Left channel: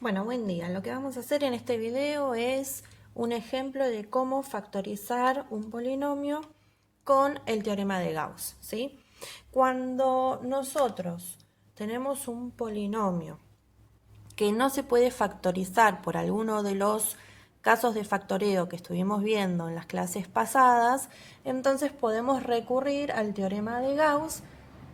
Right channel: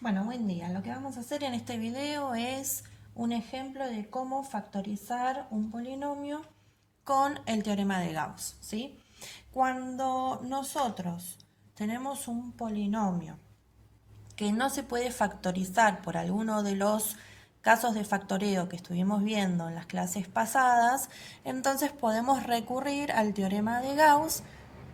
Bueno, buen día. Lo que vamos a hacer en este video es un ejemplo de cómo factorizar un polinomio con el teorema de Gauss, ¿sí? Cuando nosotros tenemos un polinomio que no se puede factorizar por alguno de los casos de factoreo que estuvimos viendo en las clases pasadas, entonces podemos recurrir al teorema de Gauss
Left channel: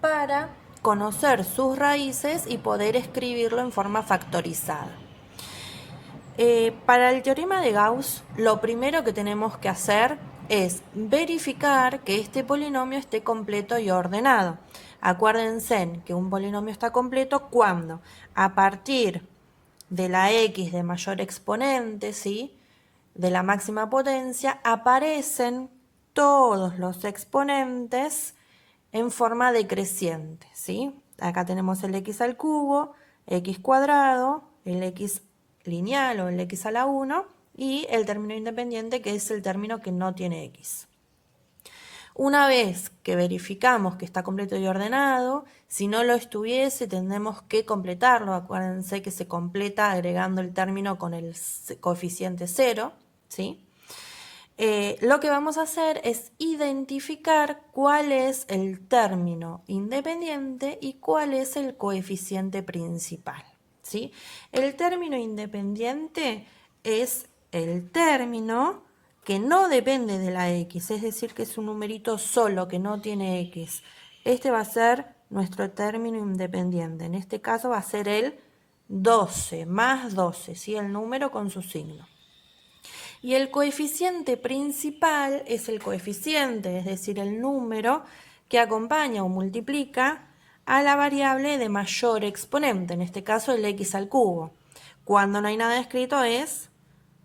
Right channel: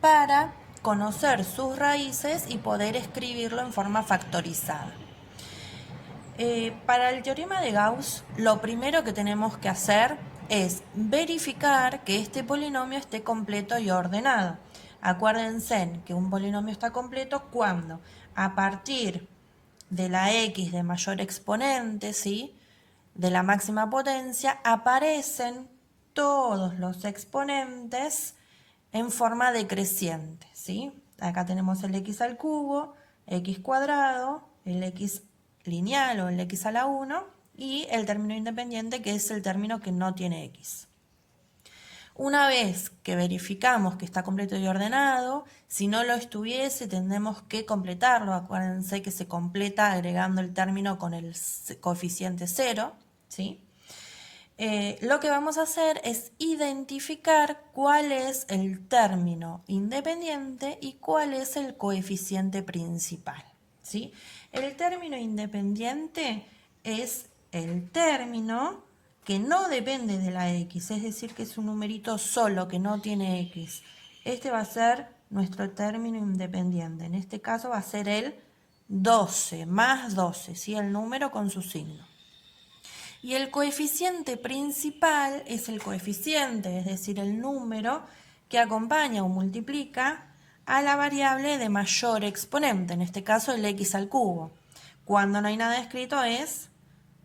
para conocer sus raíces y poder escribirlo en forma factorizada. Para el teorema de Gauss, lo primero que tenemos que hacer es verificar que este polinomio esté completo y ordenado. Acuérdense que un polinomio está completo cuando a partir de la x de mayor exponente, ¿sí?, de la máxima potencia, aparecen todos los exponentes en forma decreciente, ¿sí? Acá tenemos el x al cubo, x cuadrado, el x lineal o el x a la 1 y el término independiente, que es el término que no tiene x. Una vez que verificamos que está completo y ordenado, si no lo estuviese tendremos que completarlo. Acuérdense que se completa agregando el término con el coeficiente 0, ¿sí? Lo que vamos a hacer es identificar cuál es el término independiente y cuál es el coeficiente principal, ¿sí? El término independiente es el término que no depende de la x, es decir, que es un numerito solo, que no tiene x. Este va a ser nuestro término independiente. En este caso va a ser el 12, más 12, ¿sí? El número con su signo. Y el coeficiente principal es el coeficiente, es decir, el número que acompaña o multiplica a la variable de mayor exponente, en este caso el x al cubo. Cuando no hay nada escrito es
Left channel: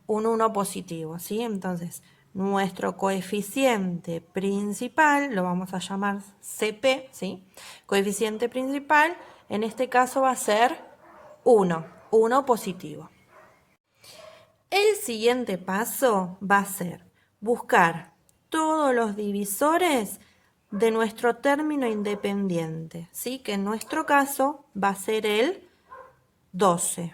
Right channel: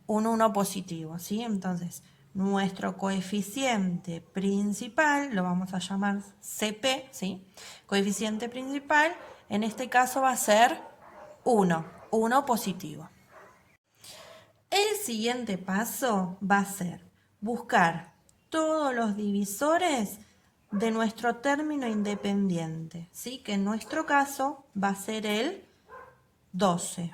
un 1 positivo, ¿sí? Entonces, nuestro coeficiente principal, lo vamos a llamar CP, ¿sí? Coeficiente principal, en este caso va a ser 1 positivo. El siguiente paso va a ser buscar todos los divisores de nuestro término independiente, ¿sí? Que en nuestro caso va a ser el 12,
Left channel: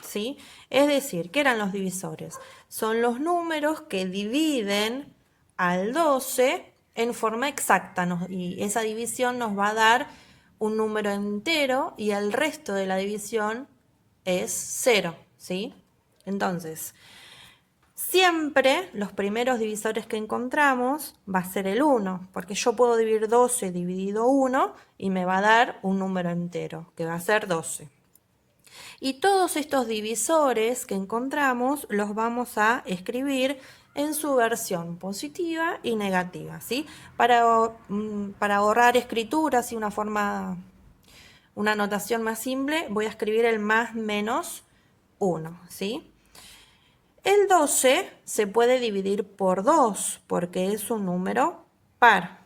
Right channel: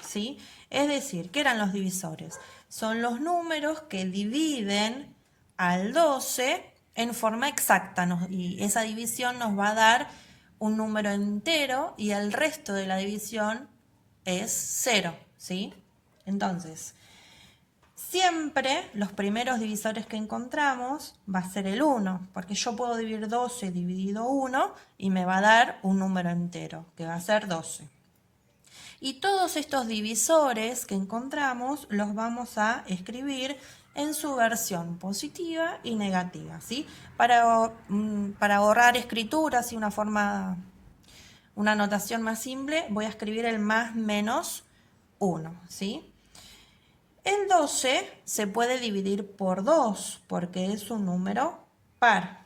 ¿sí? Es decir, ¿qué eran los divisores? Son los números que dividen al 12 en forma exacta, y esa división nos va a dar un número entero y el resto de la división es 0, ¿sí? Entonces, siempre los primeros divisores que encontramos va a ser el 1, porque yo puedo dividir 12 dividido 1 y me va a dar un número entero, que va a ser 12. Y todos estos divisores que encontramos los vamos a escribir en su versión positiva y negativa, ¿sí? Para ahorrar escrituras y una notación más simple, voy a escribir el más menos 1, ¿sí? El 12 se puede dividir por 2 porque es un número par.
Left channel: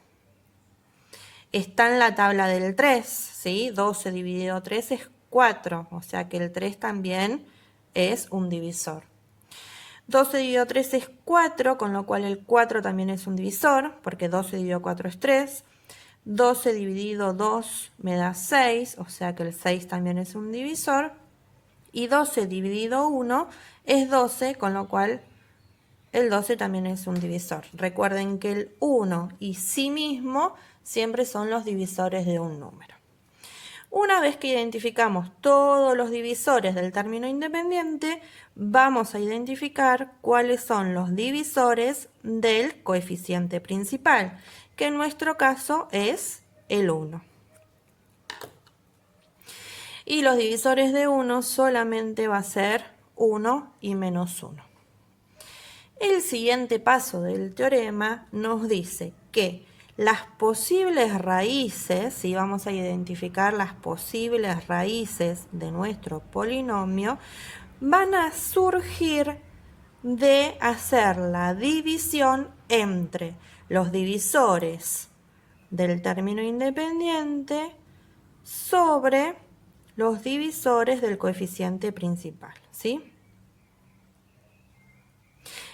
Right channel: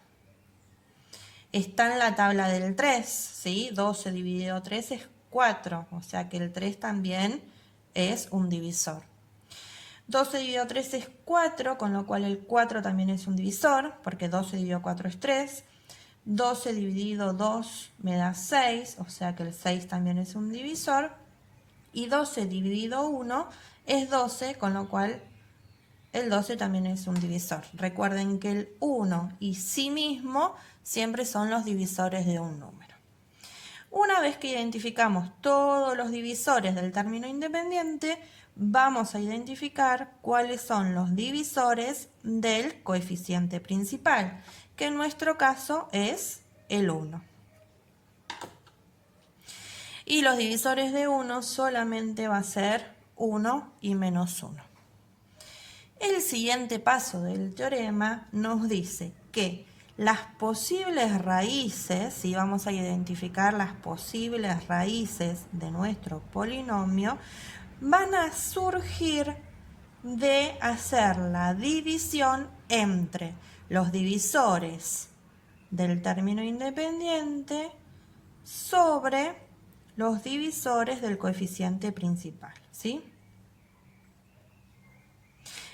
Está en la tabla del 3, ¿sí? 12 dividido 3 es 4, o sea que el 3 también es un divisor. 12 dividido 3 es 4, con lo cual el 4 también es un divisor, porque 12 dividido 4 es 3. 12 dividido 2 me da 6, o sea que el 6 también es un divisor. Y 12 dividido 1 es 12, con lo cual el 12 también es un divisor. Recuerden que el 1 y sí mismo siempre son los divisores de un número. Una vez que identificamos todos los divisores del término independiente, vamos a identificar cuáles son los divisores del coeficiente principal, que en nuestro caso es el 1. Y los divisores de 1 solamente va a ser 1 y menos 1. El siguiente paso del teorema nos dice que las posibles raíces, si vamos a identificar las posibles raíces de nuestro polinomio, van a surgir de hacer la división entre los divisores del término independiente sobre los divisores del coeficiente principal, ¿sí?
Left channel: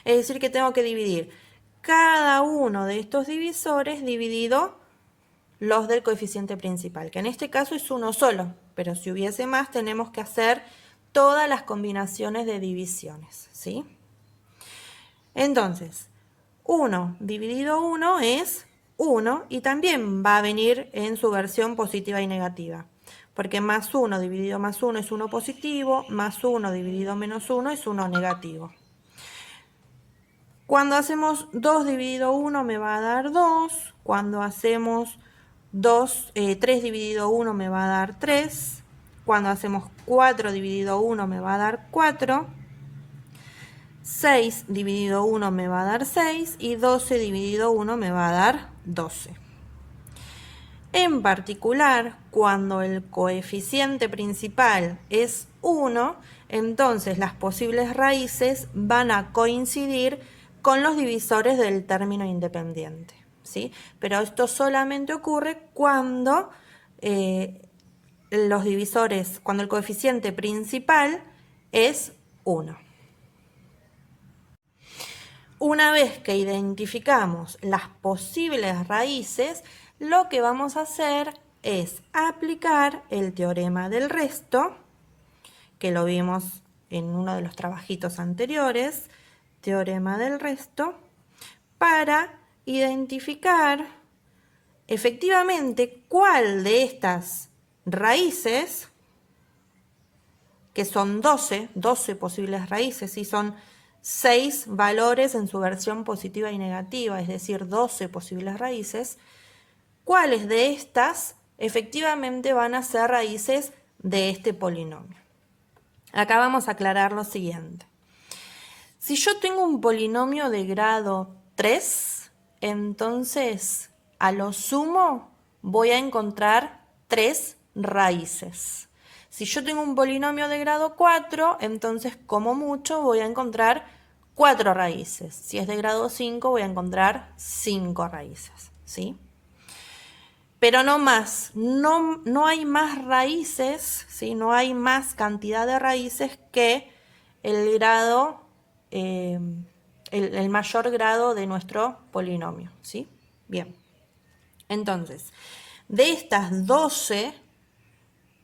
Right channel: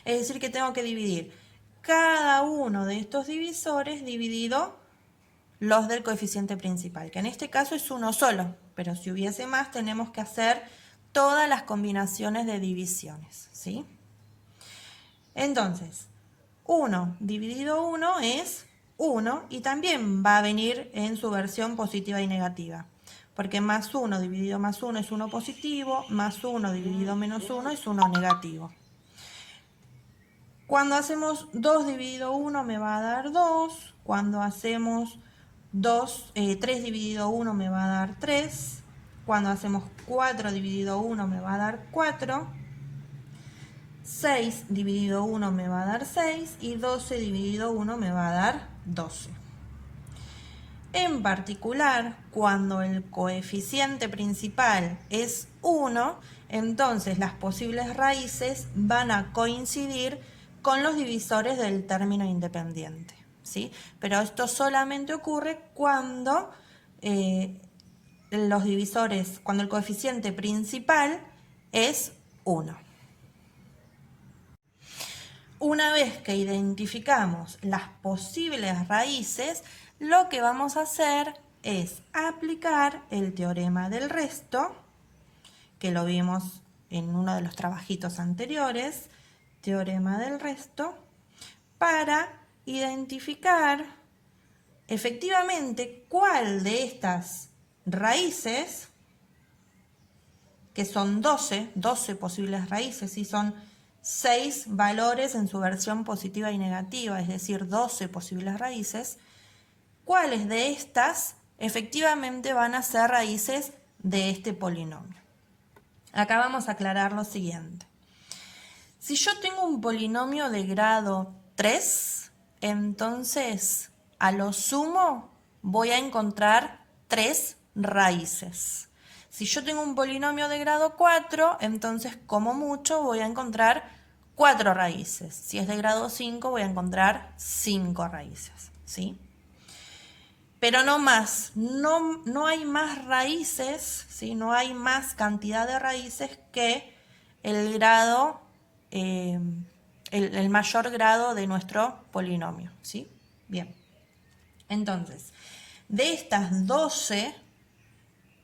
Es decir, que tengo que dividir cada uno de estos divisores dividido los del coeficiente principal, que en este caso es uno solo, pero si hubiese más tenemos que hacer todas las combinaciones de divisiones, ¿sí? Entonces, 1 dividido 1 es 1 y también va a venir en su versión positiva y negativa. Porque más 1 dividido más 1 es 1 positivo, más 1 dividido menos 1 es 1 negativo. Cuando hacemos 2 dividido 1 me va a dar 2. Cuando hacemos 3 dividido 1 me va a dar 3. Cuando hacemos 4 dividido 1 me va a dar 4. 6 dividido 1 me va a dar 6 y 12 dividido 1 me va a dar 12. En particular, cuando el coeficiente principal es 1, entonces las posibles raíces van a coincidir con los divisores del término independiente, ¿sí? Pero esto solamente ocurre cuando cuando el coeficiente principal es 1. Una vez que identificamos las posibles raíces, lo que vamos a hacer es aplicar el teorema del resto, que lo vimos en uno de los trabajitos anteriores, teorema del resto, para identificar efectivamente cuál de estas raíces, que son 12 posibles raíces, y son 6 valores en su versión positiva y negativa, es decir, 12 posibles raíces, cuáles de estas efectivamente van a ser raíces de este polinomio. Acá vamos a aclarar lo siguiente. Si yo tengo un polinomio de grado 3, entonces a lo sumo voy a encontrar 3 raíces. Si yo tengo un polinomio de grado 4, entonces como mucho voy a encontrar 4 raíces. Si es de grado 5 voy a encontrar 5 raíces, ¿sí? Pero no más, no hay más raíces, ¿sí? No hay más cantidad de raíces que el grado, el mayor grado de nuestro polinomio, ¿sí? Bien, entonces, de estas 12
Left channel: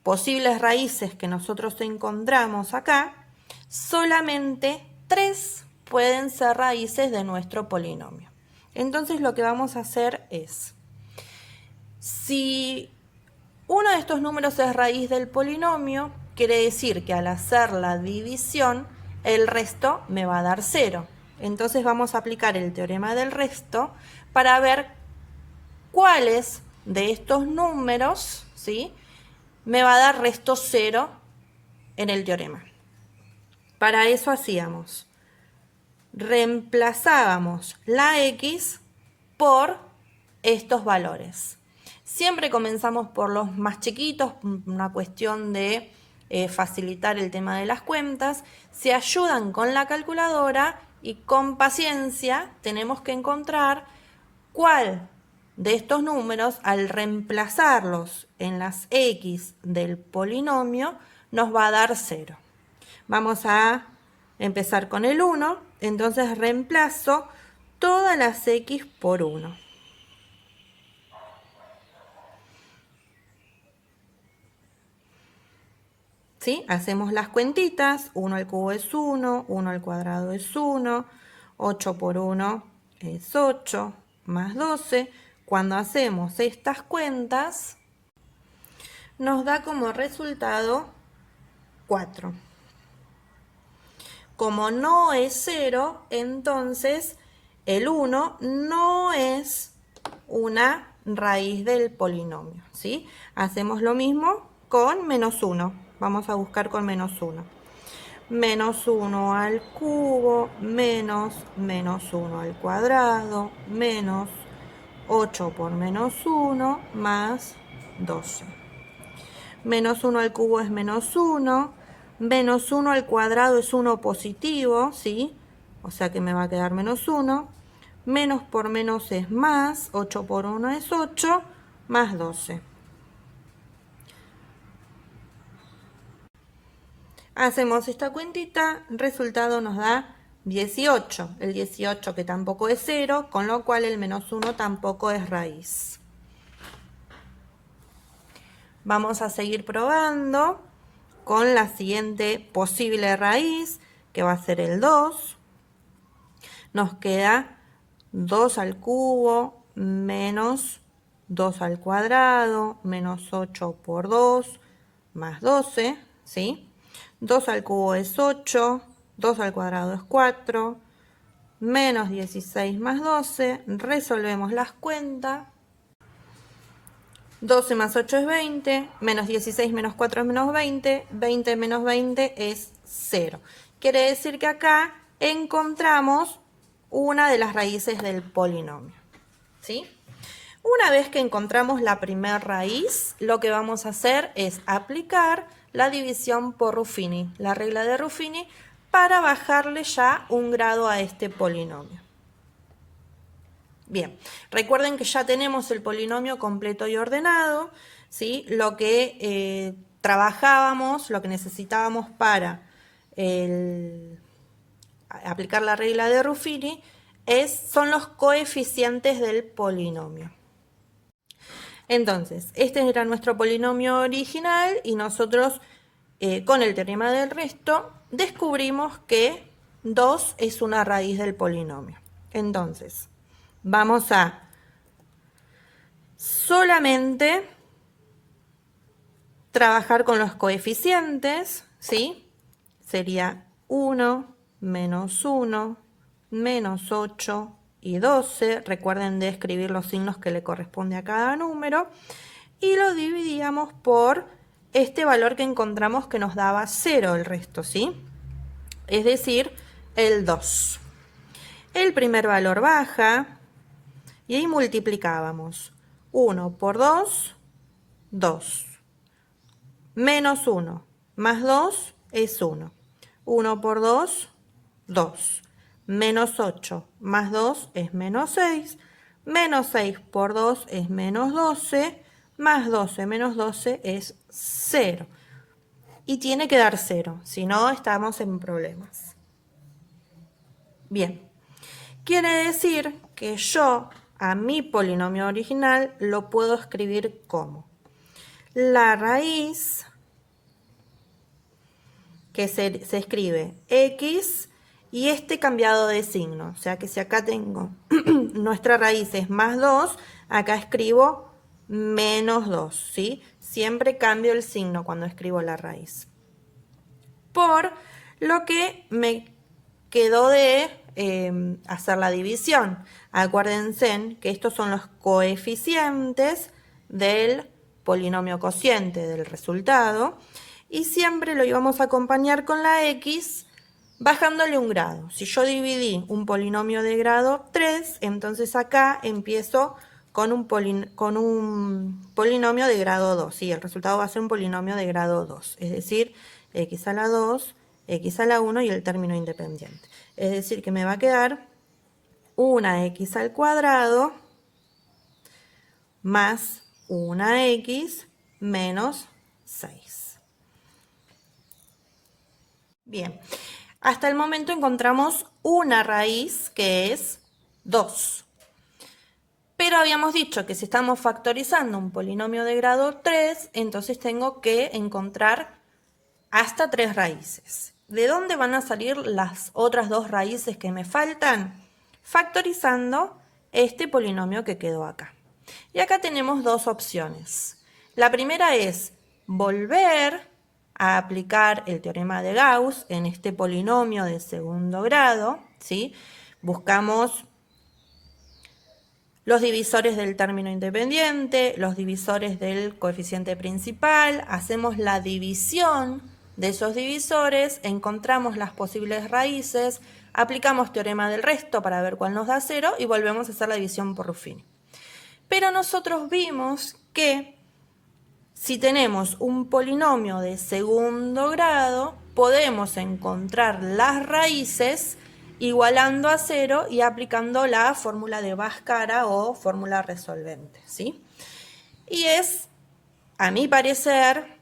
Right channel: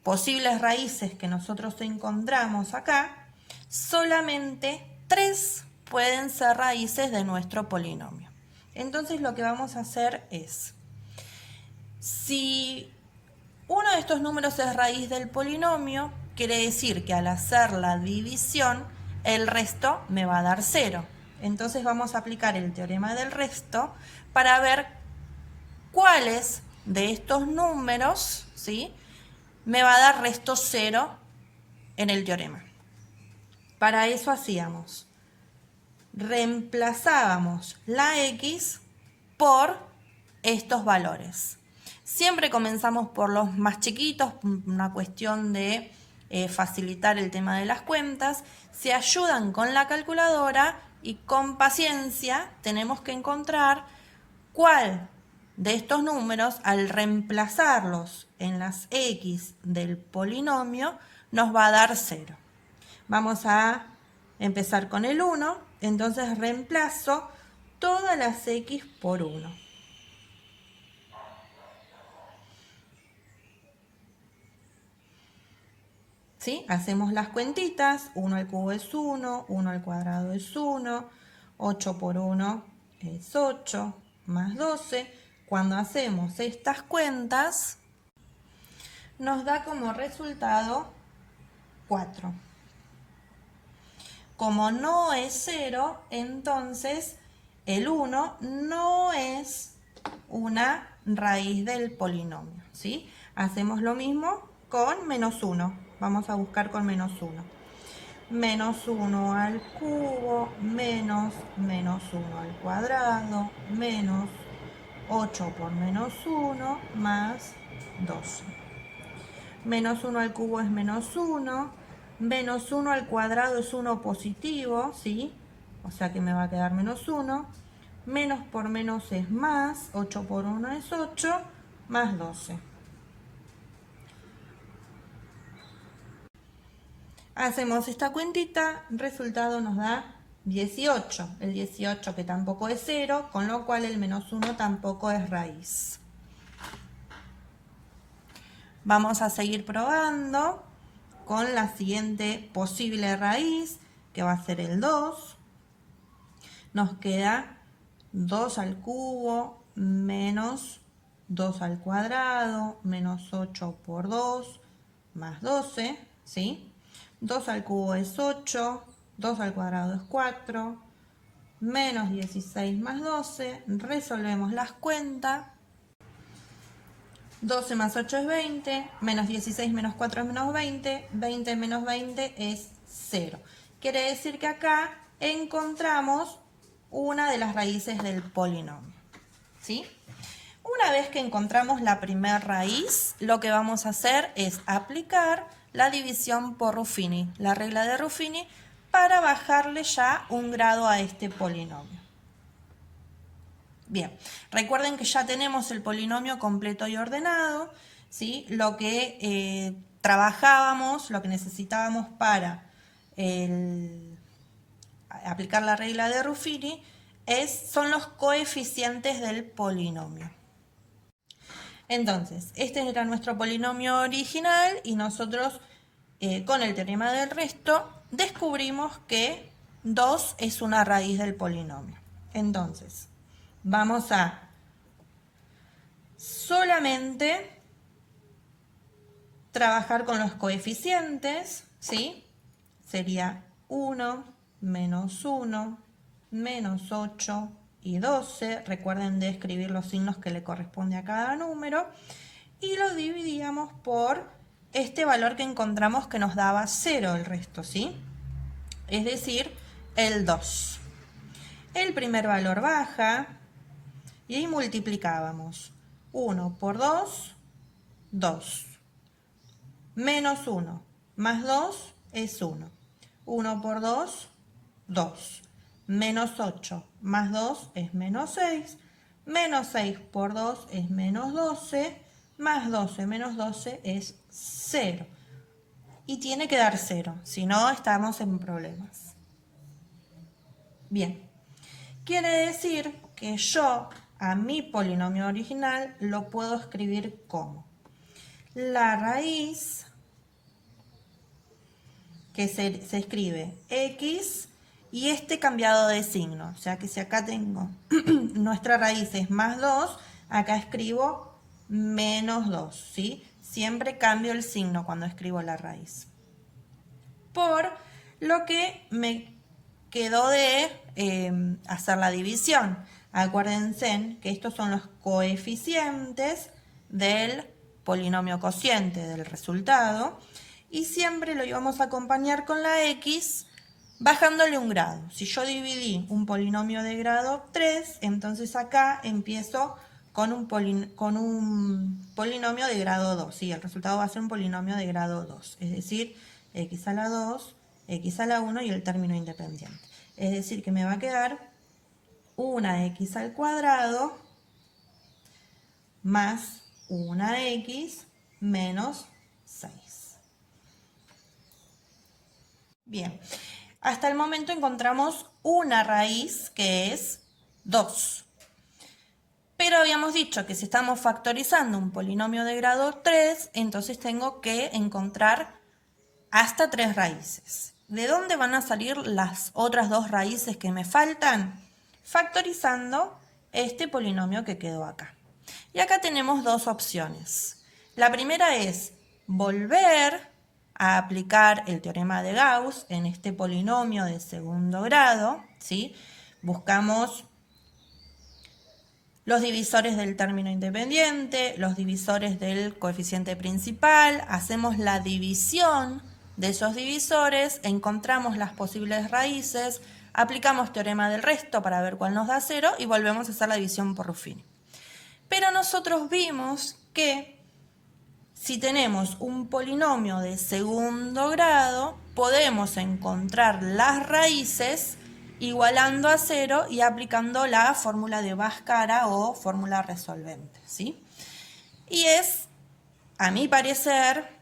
posibles raíces que nosotros encontramos acá, solamente 3 pueden ser raíces de nuestro polinomio. Entonces lo que vamos a hacer es, si uno de estos números es raíz del polinomio, quiere decir que al hacer la división, el resto me va a dar 0. Entonces vamos a aplicar el teorema del resto para ver cuáles de estos números, ¿sí?, me va a dar resto 0 en el teorema. Para eso hacíamos, reemplazábamos la x por estos valores. Siempre comenzamos por los más chiquitos, una cuestión de facilitar el tema de las cuentas. Se ayudan con la calculadora y con paciencia tenemos que encontrar cuál de estos números, al reemplazarlos en las x del polinomio, nos va a dar 0. Vamos a empezar con el 1, entonces reemplazo todas las x por 1. ¿Sí? Hacemos las cuentitas, 1 al cubo es 1, 1 al cuadrado es 1, 8 por 1 es 8, más 12. Cuando hacemos estas cuentas, nos da como resultado 4. Como no es 0, entonces el 1 no es una raíz del polinomio, ¿sí? Hacemos lo mismo con menos 1. Vamos a buscar con menos 1. Menos 1 al cubo, menos 1 al cuadrado, menos 8 por menos 1, más 12. Menos 1 al cubo es menos 1. Menos 1 al cuadrado es 1 positivo, ¿sí? O sea que me va a quedar menos 1. Menos por menos es más. 8 por 1 es 8, más 12. Hacemos esta cuentita, resultado nos da 18. El 18 que tampoco es 0, con lo cual el menos 1 tampoco es raíz. Vamos a seguir probando con la siguiente posible raíz, que va a ser el 2. Nos queda 2 al cubo menos 2 al cuadrado menos 8 por 2 más 12, ¿sí? 2 al cubo es 8, 2 al cuadrado es 4, menos 16 más 12, resolvemos las cuentas. 12 más 8 es 20, menos 16 menos 4 es menos 20, 20 menos 20 es 0. Quiere decir que acá encontramos una de las raíces del polinomio, ¿sí? Una vez que encontramos la primera raíz, lo que vamos a hacer es aplicar la división por Ruffini, la regla de Ruffini, para bajarle ya un grado a este polinomio. Bien, recuerden que ya tenemos el polinomio completo y ordenado, ¿sí? Lo que trabajábamos, lo que necesitábamos para aplicar la regla de Ruffini son los coeficientes del polinomio. Entonces, este era nuestro polinomio original y nosotros con el teorema del resto descubrimos que 2 es una raíz del polinomio. Entonces, vamos a solamente trabajar con los coeficientes, ¿sí? Sería 1 menos 1 menos 8 y 12. Recuerden de escribir los signos que le corresponde a cada número. Y lo dividíamos por este valor que encontramos que nos daba 0 el resto, ¿sí? Es decir, el 2. El primer valor baja y ahí multiplicábamos. 1 por 2, 2. Menos 1 más 2 es 1. 1 por 2, 2. Menos 8 más 2 es menos 6. Menos 6 por 2 es menos 12. Más 12 menos 12 es 0. Y tiene que dar 0, si no estamos en problemas. Bien, quiere decir que yo a mi polinomio original lo puedo escribir como la raíz, que se escribe x y este cambiado de signo. O sea que si acá tengo nuestra raíz es más 2, acá escribo menos 2, ¿sí? Siempre cambio el signo cuando escribo la raíz. Por lo que me quedó de hacer la división. Acuérdense que estos son los coeficientes del polinomio cociente del resultado y siempre lo íbamos a acompañar con la x bajándole un grado. Si yo dividí un polinomio de grado 3, entonces acá empiezo con un polinomio de grado 2. ¿Sí? El resultado va a ser un polinomio de grado 2, es decir, x a la 2, x a la 1 y el término independiente. Es decir, que me va a quedar una x al cuadrado más una x menos 6. Bien, hasta el momento encontramos una raíz que es 2. Pero habíamos dicho que si estamos factorizando un polinomio de grado 3, entonces tengo que encontrar hasta 3 raíces. ¿De dónde van a salir las otras 2 raíces que me faltan? Factorizando este polinomio que quedó acá. Y acá tenemos 2 opciones. La primera es volver a aplicar el teorema de Gauss en este polinomio de segundo grado, ¿sí? Buscamos los divisores del término independiente, los divisores del coeficiente principal, hacemos la división de esos divisores, encontramos las posibles raíces, aplicamos teorema del resto para ver cuál nos da 0 y volvemos a hacer la división por Ruffini. Pero nosotros vimos que si tenemos un polinomio de segundo grado, podemos encontrar las raíces igualando a 0 y aplicando la fórmula de Bhaskara o fórmula resolvente, ¿sí? Y es, a mi parecer,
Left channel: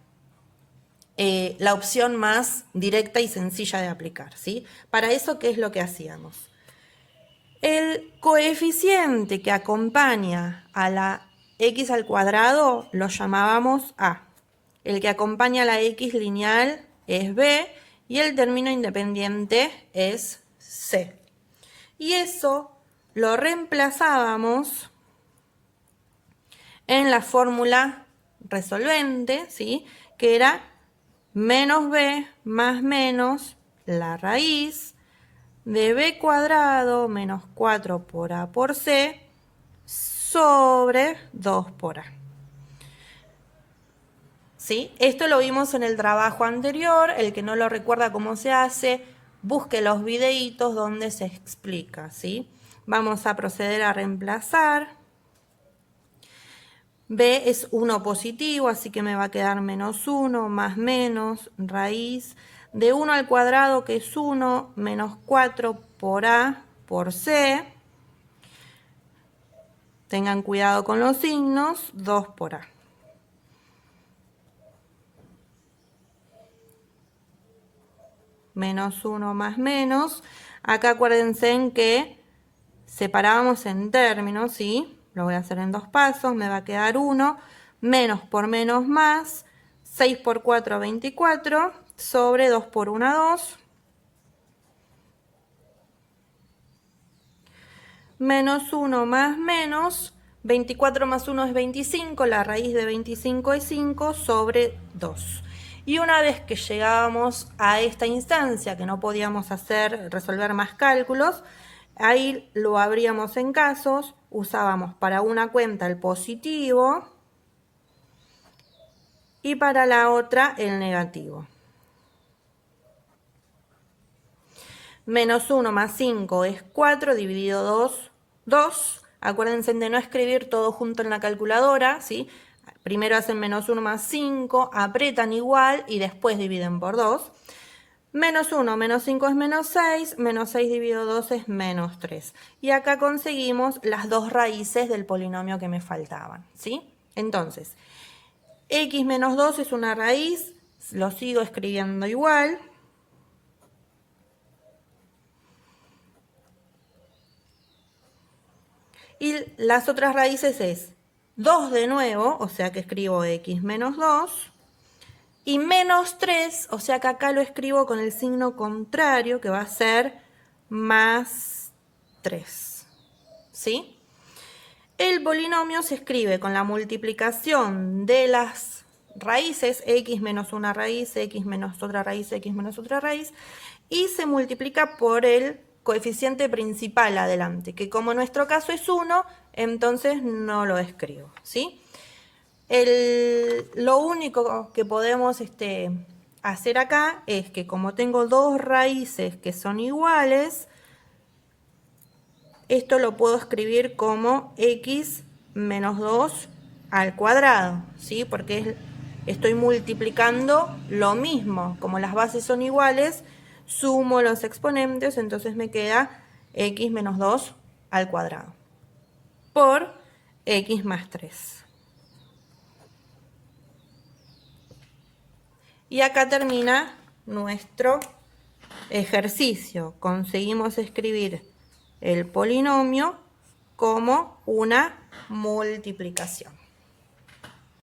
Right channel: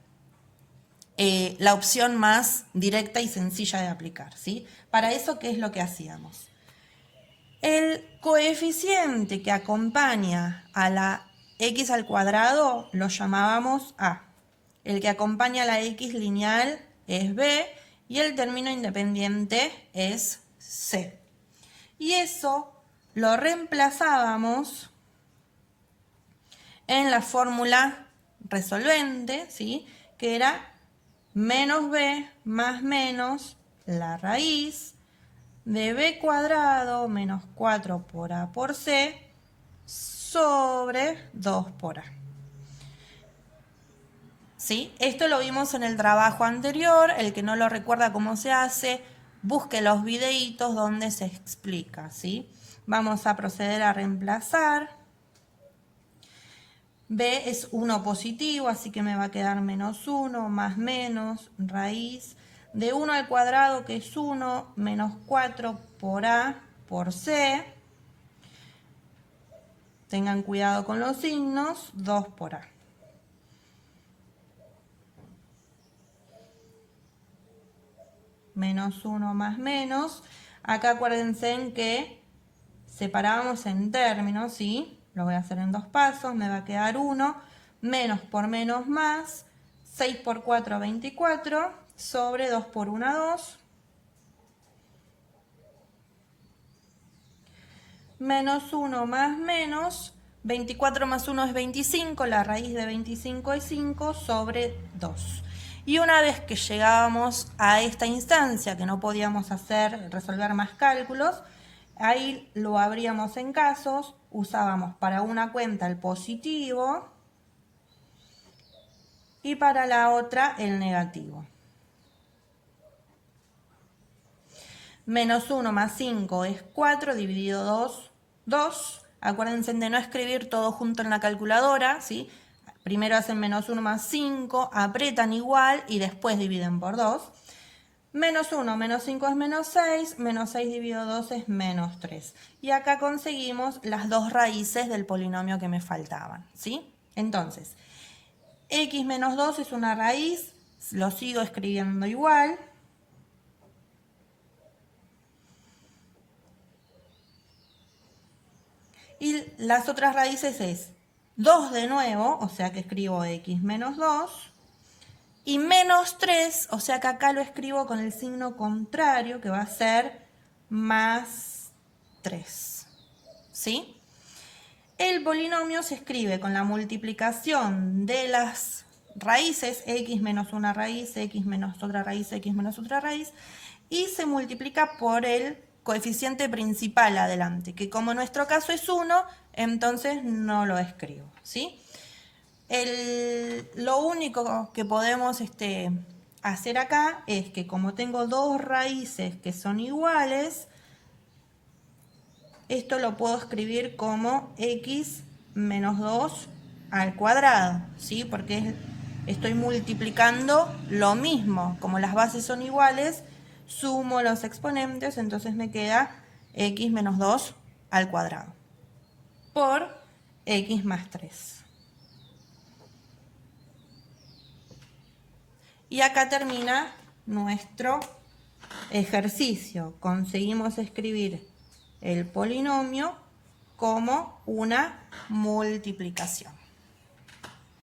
la opción más directa y sencilla de aplicar, ¿sí? Para eso, ¿qué es lo que hacíamos? El coeficiente que acompaña a la x al cuadrado lo llamábamos a. El que acompaña a la x lineal es b y el término independiente es c. Y eso lo reemplazábamos en la fórmula resolvente, ¿sí? Que era menos b más menos la raíz de b cuadrado menos 4 por a por c sobre 2 por a. ¿Sí? Esto lo vimos en el trabajo anterior. El que no lo recuerda cómo se hace, busque los videitos donde se explica, ¿sí? Vamos a proceder a reemplazar. B es 1 positivo, así que me va a quedar menos 1 más menos raíz de 1 al cuadrado, que es 1, menos 4 por a por c. Tengan cuidado con los signos, 2 por a. Menos 1 más menos. Acá acuérdense en que separábamos en términos, ¿sí? Lo voy a hacer en 2 pasos. Me va a quedar 1. Menos por menos más. 6 por 4, 24. Sobre 2 por 1, 2. Menos 1 más menos. 24 más 1 es 25. La raíz de 25 es 5 sobre 2. Y una vez que llegábamos a esta instancia, que no podíamos resolver más cálculos, ahí lo abríamos en casos, usábamos para una cuenta el positivo y para la otra el negativo. Menos 1 más 5 es 4, dividido 2, 2. Acuérdense de no escribir todo junto en la calculadora, ¿sí? Primero hacen menos 1 más 5, apretan igual y después dividen por 2. Menos 1 menos 5 es menos 6, menos 6 dividido 2 es menos 3. Y acá conseguimos las dos raíces del polinomio que me faltaban, ¿sí? Entonces, x menos 2 es una raíz, lo sigo escribiendo igual. Y las otras raíces es 2 de nuevo, o sea que escribo x menos 2, y menos 3, o sea que acá lo escribo con el signo contrario, que va a ser más 3, ¿sí? El polinomio se escribe con la multiplicación de las raíces, x menos una raíz, x menos otra raíz, x menos otra raíz, y se multiplica por el coeficiente principal adelante, que como en nuestro caso es 1, entonces no lo escribo, ¿sí? Lo único que podemos hacer acá es que como tengo dos raíces que son iguales, esto lo puedo escribir como x menos 2 al cuadrado, ¿sí? Porque estoy multiplicando lo mismo. Como las bases son iguales, sumo los exponentes, entonces me queda x menos 2 al cuadrado por x más 3. Y acá termina nuestro ejercicio. Conseguimos escribir el polinomio como una multiplicación.